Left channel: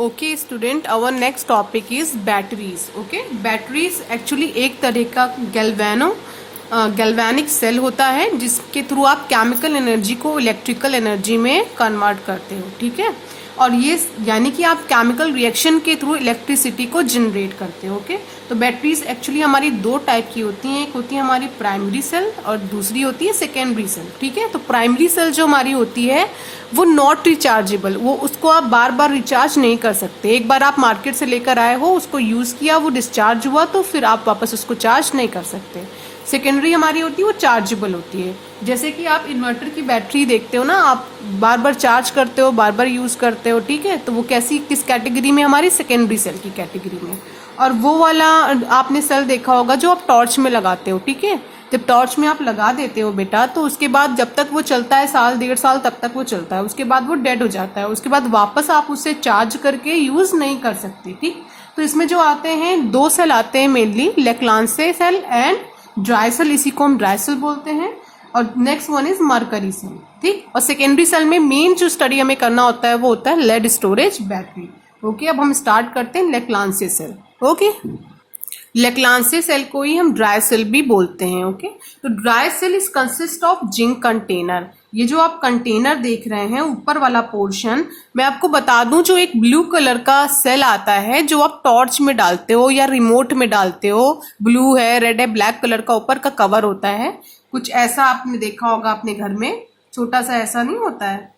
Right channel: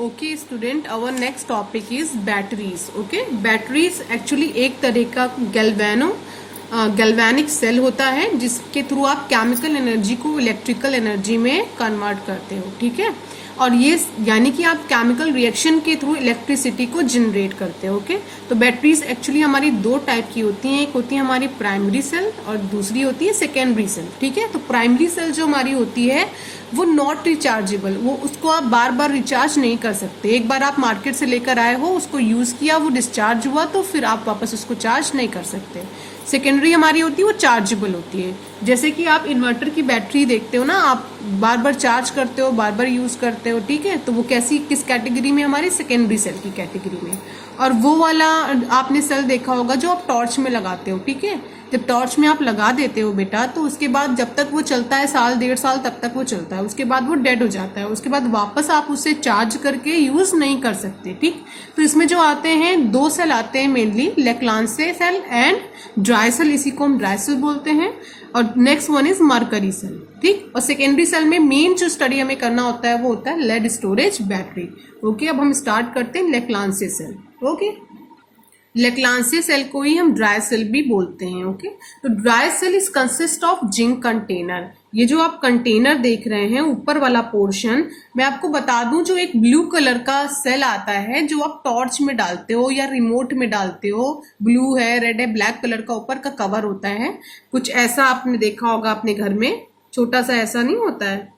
Okay student, our next topic is batteries. Okay, batteries actually एक तरह का galvanic cell होता है जिसके थ्रू आप केमिकल एनर्जी को इलेक्ट्रिकल एनर्जी में कन्वर्ट करते हो. ठीक है, और ये यानी कि आप केमिकल रिएक्शन के थ्रू इलेक्ट्रिसिटी को जनरेट करते हो. ओके, तो बैटरीज एक्चुअली हमारी दो टाइप की होती हैं. एक होती है हमारी प्राइमरी सेल और दूसरी होती है सेकेंडरी सेल. ठीक है, तो प्राइमरी सेल जो हमारी होती है वो नॉट रिचार्जेबल, वो उसको आप बार बार रिचार्ज नहीं कर सकते. एक बार आप मार्केट से लेकर आए हो, उसको यूज किया, वो डिस्चार्ज हुआ तो फिर आप वापस उसको चार्ज नहीं कर सकते. सेकेंडरी हमारी होती है वो चार्जेबल होती है. जैसे कि आप इन्वर्टर की बैटरी देखते हो ना, आप बार बार चार्ज करते हो, बार बार यूज करते हो. ठीक है, तो वो कैसी किस कैटेगरी में, हमारी सेकेंडरी सेल की कैटेगरी में. और वो वाला आपने सेल देखा होगा जो आप टॉर्च में लगाते हो. ठीक है, जब टॉर्च में आप लगा देते हो बेटा, तो उसके बाद जब तक वो चलता है, साल डेढ़ साल तब तक वो चलता है, उसके बाद वो डेड हो जाता है. उसके बाद वापस आप उसे चार्ज करके यूज नहीं कर सकते. ठीक, तो इसमें जो आते हैं दो सेल आते हैं mainly, Leclanche cell and dry cell, इसी को हम ड्राई सेल बोलते हैं. और next one is mercury cell. ठीक, और सेकेंडरी सेल में मेन जो स्टडी हमें करना होता है वो होता है लेड स्टोरेज बैटरी. ओके, अब हम स्टार्ट करते हैं लेक्लांसे सेल. ओके, लेक्लांसे सेल को ही हम ड्राई सेल भी बोलते हैं. ओके, तो dry cell is consist of zinc container. ये जो आप कंटेनर देख रहे हैं ऊपर वाला पोर्शन, मैं आपको बता दूं, जो एक ब्लू कलर का सेल आता है जो आप टॉर्च में डालते हो या रिमोट में डालते हो, ब्लू है, रेड है, ब्लैक कलर का ऊपर का कवर होता है. कुछ ऐसा आपने देखा होगा अपने घर में, छोटा सा ऐसा नहीं होता है,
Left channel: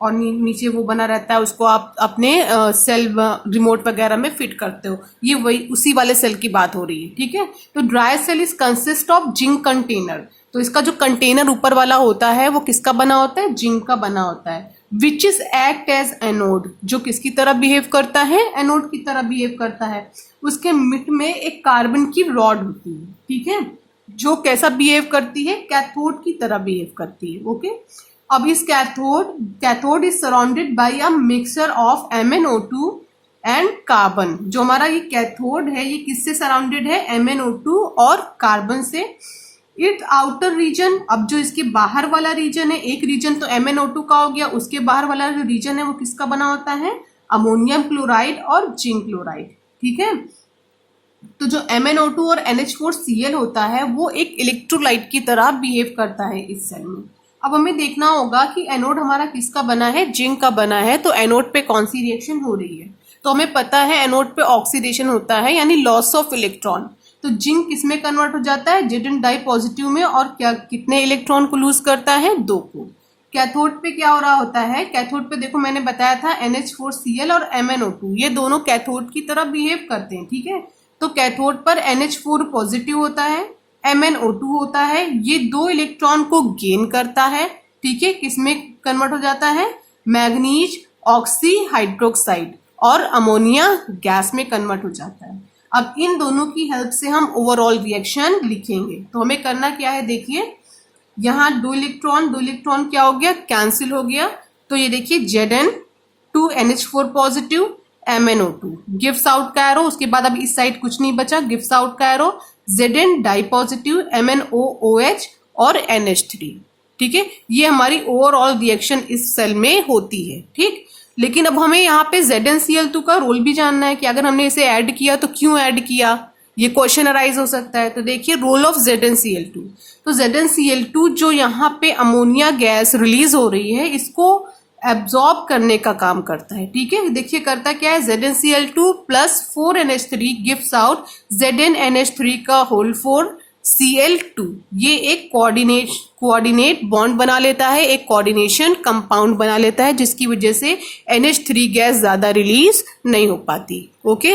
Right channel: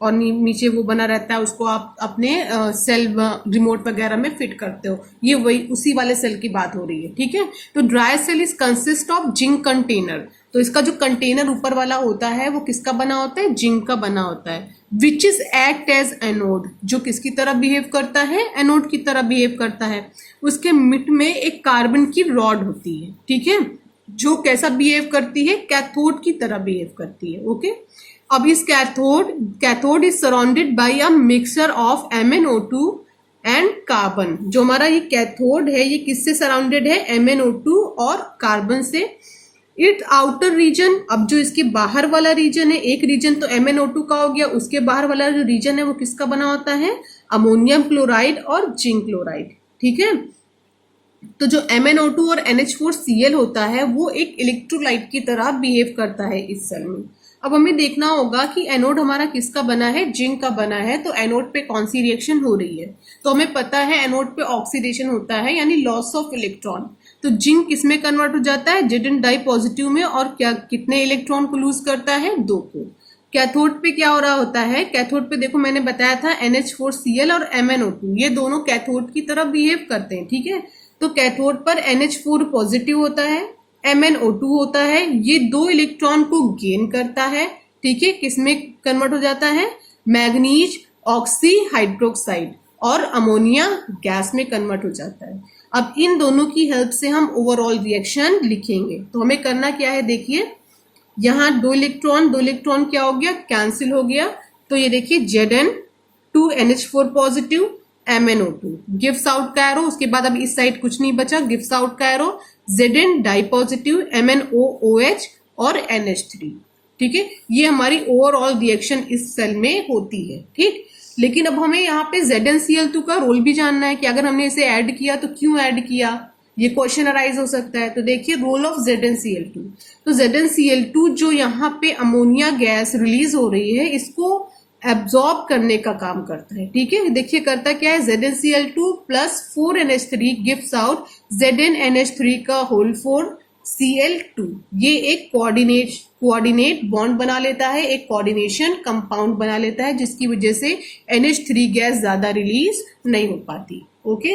और नीचे वो बना रहता है, उसको आप अपने सेल रिमोट वगैरह में फिट करते हो. ये वही उसी वाले सेल की बात हो रही है. ठीक है, तो dry cell is consist of zinc container. तो इसका जो कंटेनर ऊपर वाला होता है वो किसका बना होता है? जिंक का बना होता है. Which is act as anode, जो किसकी तरह बिहेव करता है? एनोड की तरह बिहेव करता है. उसके मिड में एक कार्बन की रॉड होती है. ठीक है, जो कैसा बिहेव करती है? कैथोड की तरह बिहेव करती है. ओके, अब इस cathode is surrounded by a mixture of MnO2 and carbon. जो हमारा ये कैथोड है ये किससे सराउंडेड है? MnO2 और कार्बन से. इट आउटर रीजन, अब जो इसके बाहर वाला रीजन है, एक रीजन तो MnO2 का हो गया, उसके बाहर वाला जो रीजन है वो किसका बना होता है? अमोनियम क्लोराइड और जिंक क्लोराइड. ठीक है, तो जो MnO2 और NH4Cl होता है वो एक इलेक्ट्रोलाइट की तरह बिहेव करता है इस सेल में. अब हमें देखना होगा कि एनोड हमारा किसका बना है? जिंक का बना है. तो एनोड पे कौन सी रिएक्शन हो रही है? तो हमें पता है एनोड पे ऑक्सीडेशन होता है, यानी लॉस ऑफ इलेक्ट्रॉन. तो जिंक किसमें कन्वर्ट हो जाता है? Zn डाई पॉजिटिव में. और क्या कितने इलेक्ट्रॉन को लूज करता है? 2 को. कैथोड पे क्या हो रहा होता है? कैथोड पे देखो मैंने बताया था NH4Cl और MnO2 ये दोनों कैथोड की तरह बिहेव करते हैं. ठीक है, तो कैथोड पर NH4 पॉजिटिव होता है, MnO2 होता है, ये 2 इलेक्ट्रॉन को गेन करता है. ठीक है, किसमें कन्वर्ट हो जाता है? मैग्नीज ऑक्सी हाइड्रोक्साइड और अमोनिया गैस में कन्वर्ट हो जाता है. अब इन दोनों की हेल्प से हम ओवरऑल रिएक्शन लिखेंगे. तो हमें करना क्या है? देखिए, यहाँ 2 इलेक्ट्रॉन क्या हो गया? कैंसिल हो गया. तो ये देखिए Zn 2 NH4 positive, MnO2 gives out का एरो. उसके बाद अब इस साइड कुछ नहीं बचा, गिव्स आउट का arrow. Zn di positive, MnOOH और NH3. ठीक है, ये हमारी ओवरऑल रिएक्शन इस सेल में होती है. ठीक, लेकिन अब हमें यहाँ पे ZnCl2 का रोल भी जानना है कि अगर हमने इसे ऐड किया तो क्यों ऐड किया, ये क्वेश्चन अराइज हो सकता है. तो देखिए रोल ऑफ ZnCl2. तो ZnCl2 जो यहाँ पे अमोनिया गैस रिलीज हो रही है इसको एब्जॉर्ब करने का काम करता है. ठीक है, देखिए करता क्या है? ZnCl2 plus 4NH3 gives out ZnNH3 का होल 4Cl2. ये एक कोऑर्डिनेट बॉन्ड बना लेता है, एक कोऑर्डिनेशन कंपाउंड बना लेता है, जिसकी वजह से NH3 गैस ज्यादा रिलीज नहीं हो पाती. Okay,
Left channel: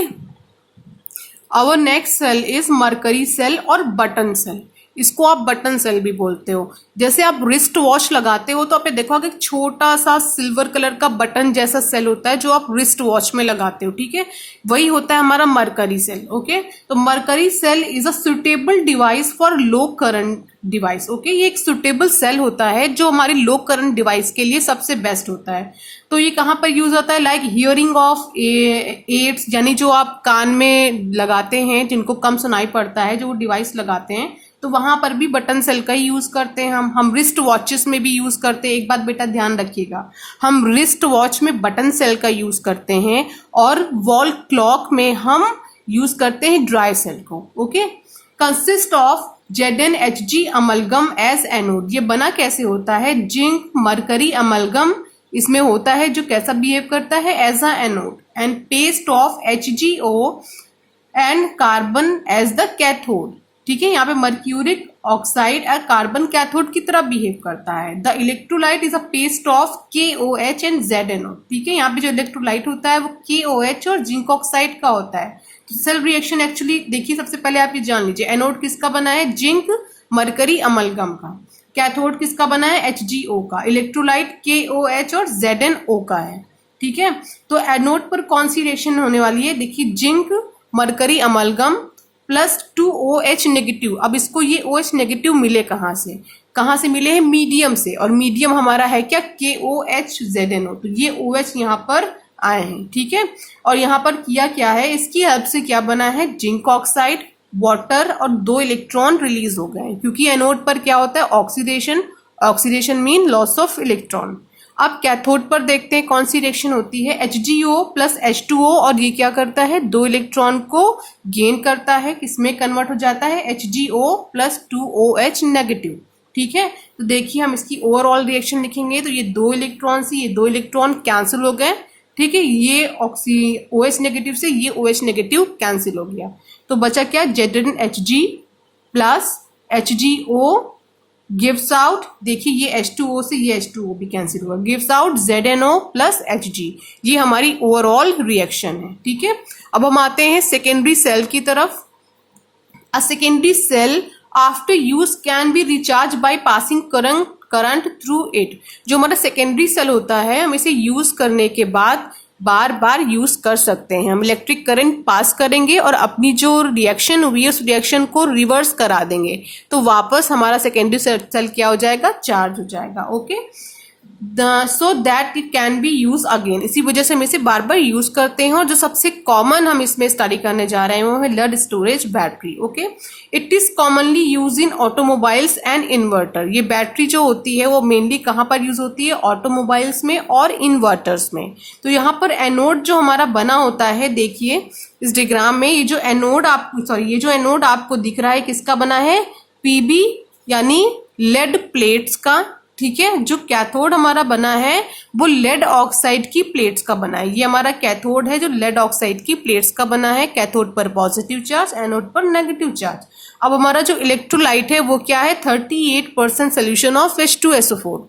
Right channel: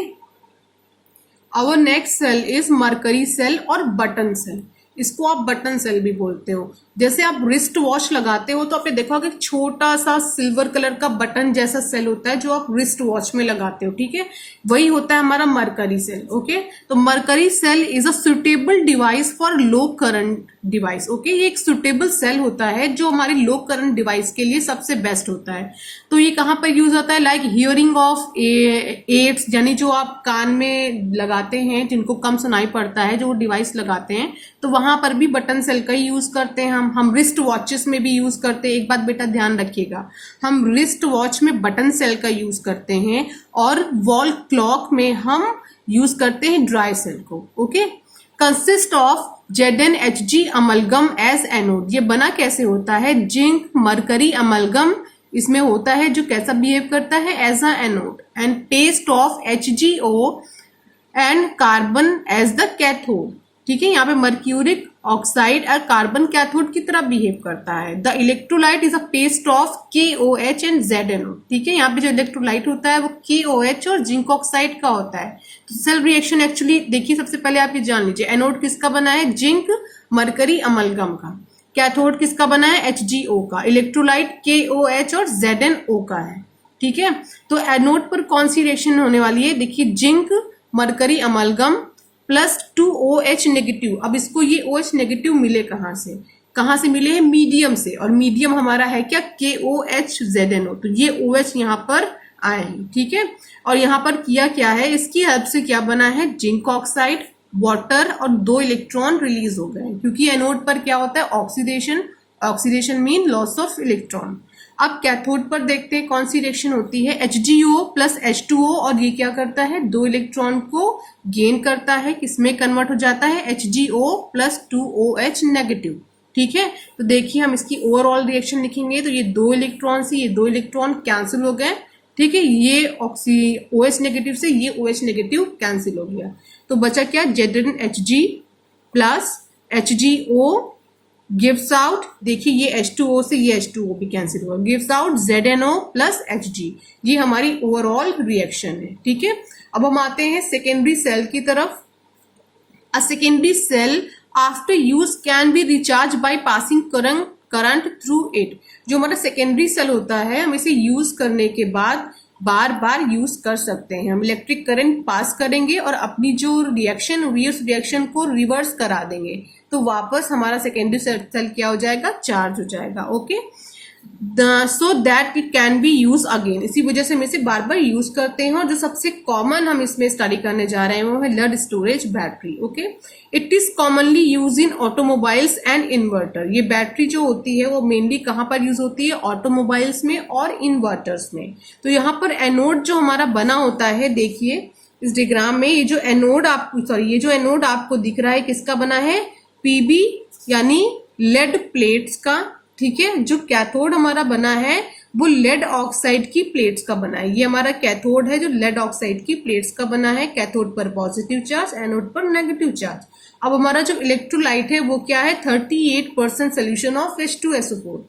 our next cell is mercury cell और बटन सेल. इसको आप बटन सेल भी बोलते हो. जैसे आप रिस्ट वॉच लगाते हो तो आपने देखा होगा एक छोटा सा सिल्वर कलर का बटन जैसा सेल होता है जो आप रिस्ट वॉच में लगाते हो. ठीक है, वही होता है हमारा मरकरी सेल. ओके, तो mercury cell is a suitable device for low current device. Okay, ये एक सुटेबल सेल होता है जो हमारे लो करंट डिवाइस के लिए सबसे बेस्ट होता है. तो ये कहाँ पर यूज होता है? लाइक हियरिंग ऑफ एड्स, यानी जो आप कान में लगाते हैं, जिनको कम सुनाई पड़ता है, जो डिवाइस लगाते हैं, तो वहां यहाँ पर भी बटन सेल का ही यूज करते हैं हम रिस्ट वॉचेस में भी यूज करते हैं। एक बात बेटा ध्यान रखिएगा, हम रिस्ट वॉच में बटन सेल का यूज करते हैं और वॉल क्लॉक में हम यूज करते हैं ड्राई सेल को। Okay, consist of ZnHg amalgam as anode. ये बना कैसे होता है? जिंक मरकरी अमलगम इसमें होता है जो कैसा बिहेव करता है? As a anode, and paste of HgO and carbon as the cathode. ठीक है, यहाँ पे मर्क्यूरिक ऑक्साइड और कार्बन कैथोड की तरह बिहेव करता है। The electrolyte is a paste of KOH and ZnO। ठीक है, यहाँ पे जो इलेक्ट्रोलाइट होता है वो KOH और जिंक ऑक्साइड का होता है। तो सेल रिएक्शन एक्चुअली देखिए, सबसे पहले आप ये जान लीजिए, एनोड किसका बना है? जिंक मरकरी अमलगम का। कैथोड किसका बना है? HgO का। इलेक्ट्रोलाइट KOH और ZnO का है। ठीक है, तो एनोड पर कौन सी रिएक्शन होने वाली है? देखिए, zinc mercury amalgam plus 2OH negative. अब इसको ये OH नेगेटिव मिले कहाँ से मिले हैं? मीडियम से, और मीडियम हमारा है क्या? KOH ZnO। तो ये OH यहाँ पर आए हैं। ठीक है, और यहाँ पर किया क्या है? इसकी हेल्प से क्या बना है? जिंक ऑक्साइड, वाटर और 2 इलेक्ट्रॉन रिलीज हो गए, क्योंकि एनोड पर क्या होता है? Oxidation mean loss of electron. अब कैथोड पर देखते हैं कौन सी रिएक्शन होती है। HgO प्लस H2O, और ये क्या करता है? 2 इलेक्ट्रॉन को गेन करता है, किसमें कन्वर्ट हो जाता है? HgO plus 2OH negative. ठीक है, तो देखिए हम इसकी ओवरऑल रिएक्शन लिखेंगे तो ये 2 इलेक्ट्रॉन से ये 2 इलेक्ट्रॉन कैंसिल हो गए। ठीक है, ये OH नेगेटिव से ये OH नेगेटिव कैंसिल हो गया, तो बचा क्या? ZnHg plus HgO gives out, देखिए ये H2O से ये H2O भी कैंसिल हुआ, gives out ZnO plus Hg। ये हमारी ओवरऑल रिएक्शन है। ठीक है, अब हम आते हैं सेकेंडरी सेल की तरफ। A secondary cell after use can be recharge by passing current through it. जो हमारा सेकेंडरी सेल होता है, हम इसे यूज करने के बाद बार बार यूज कर सकते हैं। हम इलेक्ट्रिक करंट पास करेंगे और अपनी जो रिएक्शन हुई है उस रिएक्शन को रिवर्स करा देंगे, तो वापस हमारा सेकेंडरी सेल क्या हो जाएगा? चार्ज हो जाएगा। Okay, so that it can be use again. इसी वजह से हम इसे बार बार यूज करते हैं। और जो सबसे कॉमन हम इसमें स्टडी करने जा रहे हैं वो है lead storage battery. Okay, it is commonly use in automobiles and inverter. ये बैटरी जो होती है वो मेनली कहाँ पर यूज होती है? ऑटोमोबाइल्स में और इन्वर्टर्स में। तो यहाँ पर एनोड जो हमारा बना होता है, देखिए इस डायग्राम में ये जो एनोड आपको दिख रहा है किसका बना है? PB यानी लेड प्लेट्स का। ठीक है, जो कैथोड हमारा बना है वो लेड ऑक्साइड की प्लेट्स का बना है। ये हमारा कैथोड है जो लेड ऑक्साइड की प्लेट्स का बना है। कैथोड पर पॉजिटिव चार्ज, एनोड पर नेगेटिव चार्ज। अब हमारा जो इलेक्ट्रोलाइट है वो क्या है? 38% सोल्यूशन ऑफ H2SO4।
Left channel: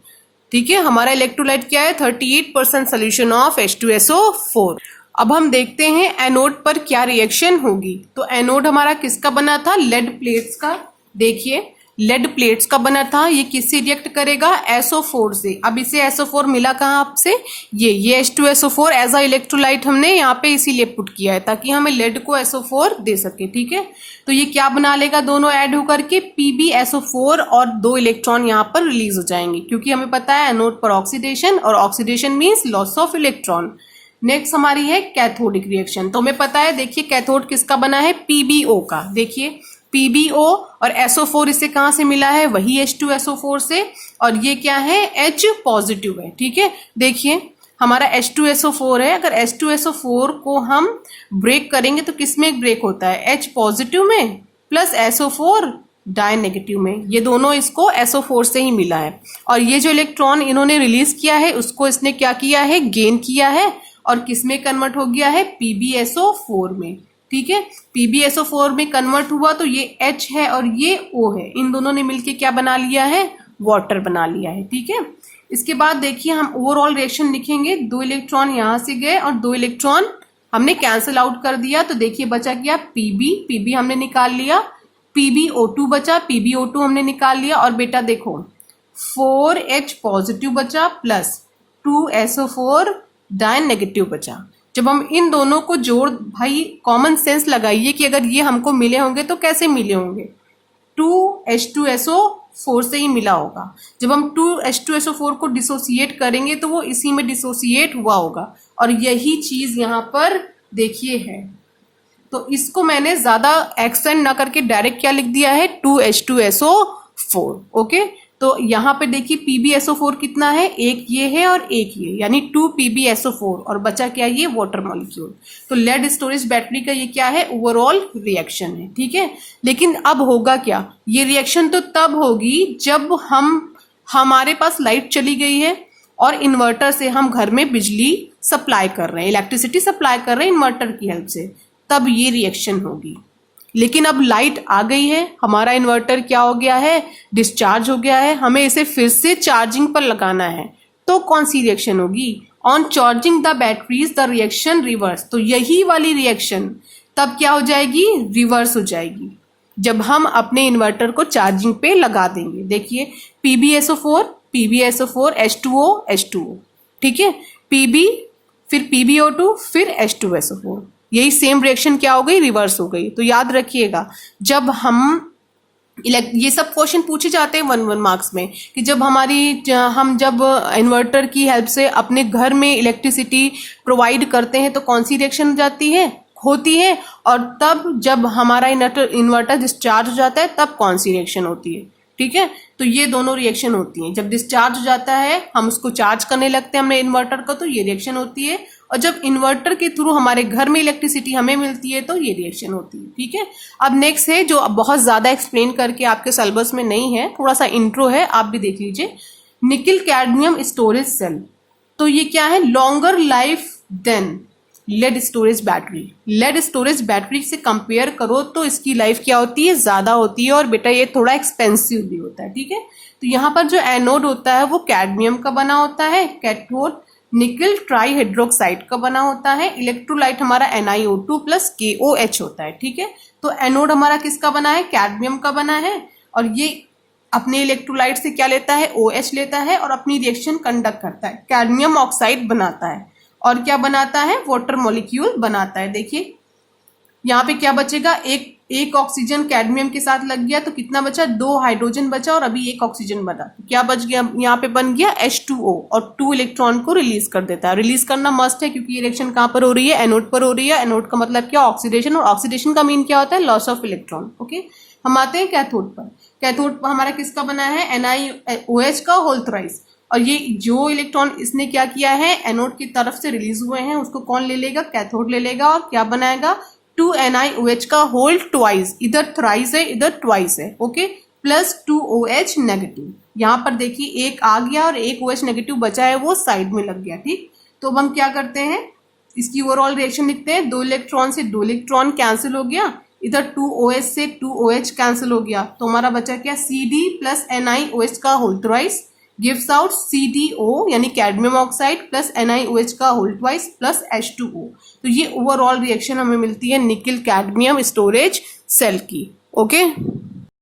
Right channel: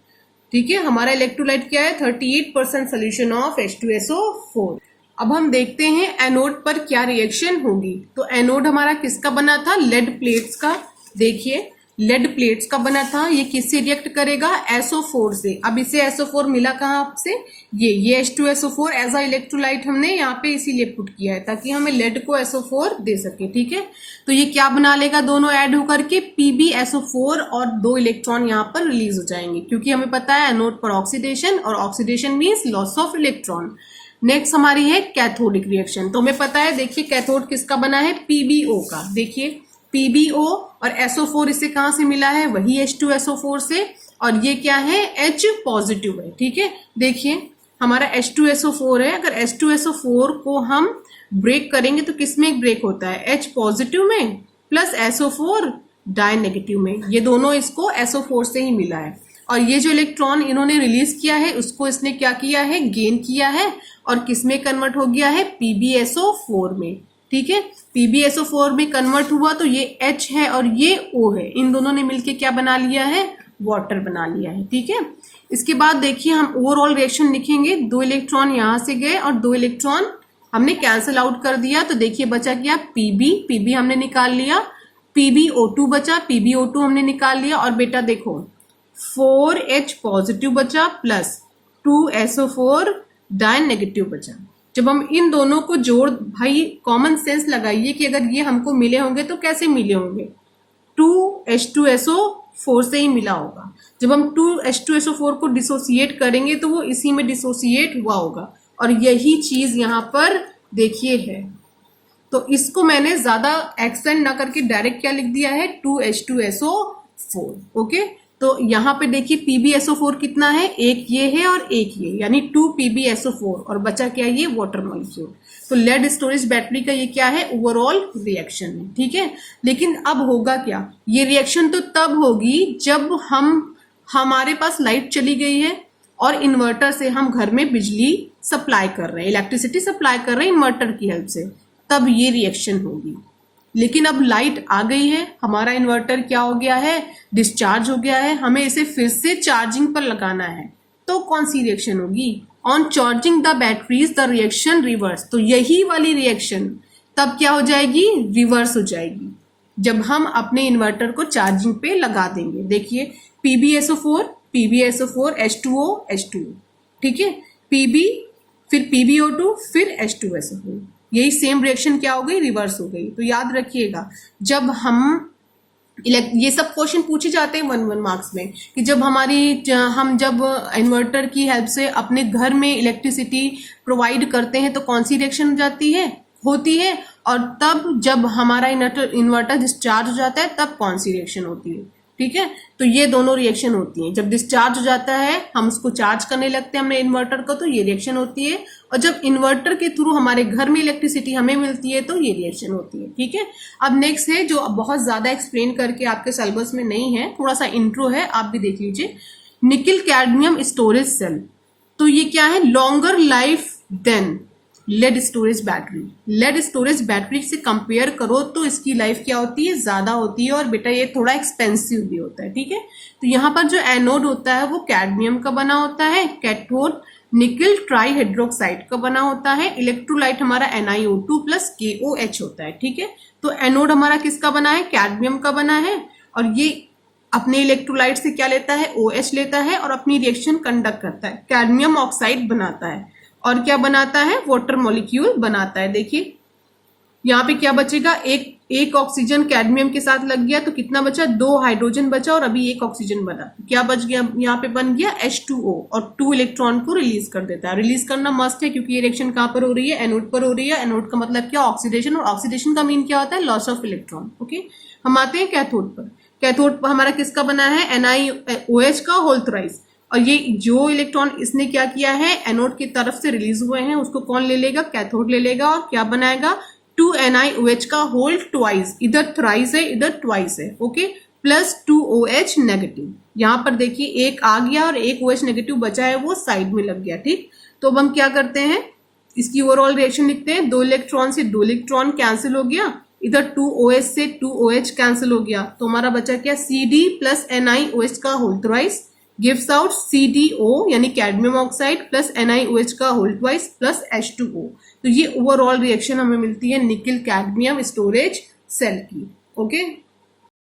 ठीक है, हमारा इलेक्ट्रोलाइट क्या है? 38% सोल्यूशन ऑफ H2SO4। अब हम देखते हैं एनोड पर क्या रिएक्शन होगी। तो एनोड हमारा किसका बना था? लेड प्लेट्स का। देखिए लेड प्लेट्स का बना था, ये किससे रिएक्ट करेगा? SO4 से। अब इसे SO4 मिला कहाँ आपसे? ये H2SO4 एज अ इलेक्ट्रोलाइट हमने यहाँ पे इसीलिए पुट किया है ताकि हमें लेड को SO4 दे सके। ठीक है, तो ये क्या बना लेगा? दोनों ऐड होकर के PbSO4 और 2 इलेक्ट्रॉन यहाँ पर रिलीज हो जाएंगे, क्योंकि हमें पता है एनोड पर ऑक्सीडेशन, और oxidation means loss of electron. Next हमारी है कैथोडिक रिएक्शन। तो हमें पता है, देखिए कैथोड किसका बना है? PbO का। देखिए PbO और SO4 इसे कहाँ से मिला है? वही H2SO4 से, और ये क्या है? H पॉजिटिव है। ठीक है, देखिए हमारा H2SO4 है। अगर H2SO4 को हम ब्रेक करेंगे तो किस में ब्रेक होता है? H पॉजिटिव में प्लस SO4 डाई नेगेटिव में। ये दोनों इसको SO4 से ही मिला है, और ये जो इलेक्ट्रॉन इन्होंने रिलीज किया है उसको इसने क्या किया है? गेन किया है, और किस में कन्वर्ट हो गया है? PbSO4 में। ठीक है, PbSO4 में कन्वर्ट हुआ तो ये H है और ये O है, इन दोनों ने मिलके क्या बना लिया है? वाटर बना लिया है। ठीक है, इसके बाद देखिए हम ओवरऑल रिएक्शन लिखेंगे। 2 इलेक्ट्रॉन यहां से गए और 2 इलेक्ट्रॉन हमने कैंसिल आउट कर दिया, तो देखिए बचा क्या? PB हमने निकाल लिया, PbO2 बचा, PbO2 हमने निकाल लिया, और बेटा देखो 4H पॉजिटिव बचा प्लस 2SO4 डाई नेगेटिव बचा। जब हम इन दोनों को जोड़, भाई कॉमन सेंस लगाइए कि अगर ये हमको मिले होंगे तो कैसे मिले होंगे? 2H2SO4 से ही मिला होगा। जब हम 2H2SO4 को डिसोसिएट करेंगे तो वो इसी में डिसोसिएट हुआ होगा, और यही चीज यहाँ पर देखिए है। तो इसको मैंने ज्यादा एक्सटेंड ना करके डायरेक्ट क्या लिख दिया है, 2H2SO4। ओके, तो यहाँ पे देखिए PbSO4 कितना है, एक ये है और एक ये, यानी 2 PbSO4 और बचा क्या, ये वाटर मॉलिक्यूल। तो लेड स्टोरेज बैटरी का ये क्या है, ओवरऑल रिएक्शन है। ठीक है, लेकिन अब होगा क्या, ये रिएक्शन तो तब होगी जब हमारे पास लाइट चली गई है और इन्वर्टर से हम घर में बिजली सप्लाई कर रहे हैं, इलेक्ट्रिसिटी सप्लाई कर रहे हैं इन्वर्टर की हेल्प से, तब ये रिएक्शन होगी। लेकिन अब लाइट आ गई है, हमारा इन्वर्टर क्या हो गया है, डिस्चार्ज हो गया है, हमें इसे फिर से चार्जिंग पर लगाना है, तो कौन सी रिएक्शन होगी, on charging the batteries the reaction reverse. तो यही वाली रिएक्शन तब क्या हो जाएगी, रिवर्स हो जाएगी, जब हम अपने इन्वर्टर को चार्जिंग पे लगा देंगे। देखिए PbSO4 H2O H2O, ठीक है, Pb फिर PbO2 फिर H2SO4, यही सेम रिएक्शन क्या हो गई, रिवर्स हो गई। तो याद रखिएगा, जब ये सब क्वेश्चन पूछे जाते हैं 1-1 मार्क्स में, कि जब हम जब इन्वर्टर की हेल्प से अपने घर में इलेक्ट्रिसिटी प्रोवाइड करते हैं तो कौन सी रिएक्शन होती है, और तब जब हमारा इन्वर्टर डिस्चार्ज हो जाता है तब कौन सी रिएक्शन होती है। ठीक है, तो ये दोनों रिएक्शन होती हैं। जब डिस्चार्ज हो जाता है, हम उसको चार्ज करने लगते हैं हमने इन्वर्टर को, तो ये रिएक्शन होती है, और जब इन्वर्टर के थ्रू हमारे घर में इलेक्ट्रिसिटी हमें मिलती है तो ये रिएक्शन होती है। ठीक है, अब नेक्स्ट है जो बहुत ज्यादा एक्सप्लेन करके आपके सिलेबस में नहीं है, थोड़ा सा इंट्रो है, आप भी देख लीजिए। निकल कैडमियम स्टोरेज सेल, तो ये क्या है, longer life than lead storage battery. Lead storage battery से कंपेयर करो तो इसकी लाइफ क्या होती है, ज्यादा होती है, और बेटा ये थोड़ा एक्सपेंसिव भी होता है। ठीक है, तो यहाँ पर जो एनोड होता है वो कैडमियम का बना होता है, कैथोड निकल ट्राईहाइड्रोक्साइड का बना होता है, इलेक्ट्रोलाइट हमारा NiO2 प्लस KOH होता है। ठीक है, तो एनोड हमारा किसका बना है, कैडमियम का बना है, और ये अपने इलेक्ट्रोलाइट से क्या लेता है, OH लेता है, और अपनी रिएक्शन कंडक्ट करता है, कैडमियम ऑक्साइड बनाता है, और क्या बनाता है, वाटर मॉलिक्यूल बनाता है। देखिए यहाँ पे क्या बचेगा, एक ऑक्सीजन कैडमियम के साथ लग गया तो कितना बचा, 2 हाइड्रोजन बचा, और अभी 1 ऑक्सीजन बना, क्या बच गया, यहाँ पे बन गया H2O, और 2 इलेक्ट्रॉन को रिलीज कर देता है। रिलीज करना मस्ट है क्योंकि ये रिएक्शन कहाँ पर हो रही है, एनोड पर हो रही है। एनोड का मतलब क्या, ऑक्सीडेशन, और ऑक्सीडेशन का मीन क्या होता है, लॉस ऑफ इलेक्ट्रॉन। ओके, हम आते हैं कैथोड पर। कैथोड पर हमारा किसका बना है, NiOH का होल थ्राइस, और ये जो इलेक्ट्रॉन इसने क्या किया है, एनोड की तरफ से रिलीज हुए हैं, उसको कौन ले लेगा, कैथोड ले लेगा, और क्या बनाएगा, 2NiOH का होल ट्वाइस, इधर थ्राइस है इधर ट्वाइस है, ओके, प्लस 2OH नेगेटिव। यहाँ पर देखिए एक आ गया और एक OH नेगेटिव बचा है, वो साइड में लग गया। ठीक, तो अब हम क्या करते हैं, इसकी ओवरऑल रिएक्शन लिखते हैं, 2 इलेक्ट्रॉन से 2 इलेक्ट्रॉन कैंसिल हो गया, इधर 2OH से 2OH कैंसिल हो गया, तो हमारा बचा क्या, CD प्लस NiOH का whole thrice gives out CdO यानी कैडमियम ऑक्साइड प्लस NiOH का होल ट्वाइस प्लस H2O। तो ये ओवरऑल रिएक्शन हमें मिलती है निकल कैडमियम स्टोरेज सेल की। ओके।